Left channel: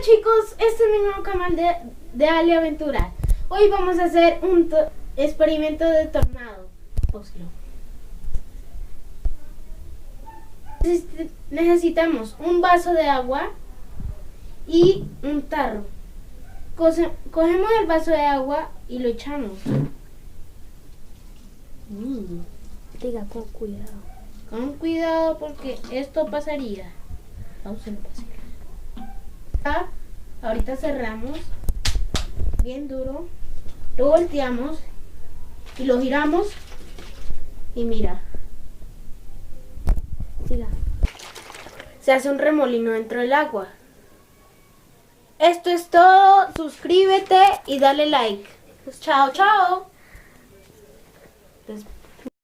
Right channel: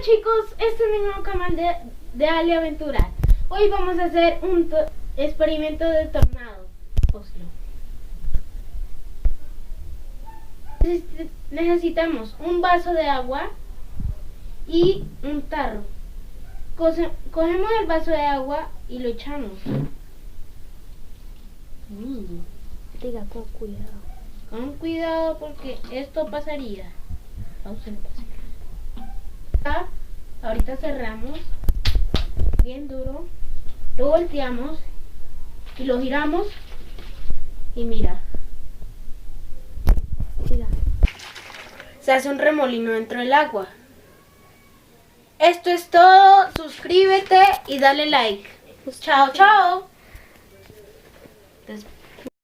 Hola chicos, este es mi nuevo canal de Ali Aventura. Hoy vamos a hacer un experimento de tornado. Necesitamos un vaso de agua y un tarro. Cogemos el vaso de agua y lo echamos. Diga con cuidado. Con cuidado porque esto pasaría. Ahorita cerramos bien duro, lo volteamos y lo giramos y mira, se hace un remolino dentro del agua. Esto es todo, suscríbete y dale like. Chao, chao.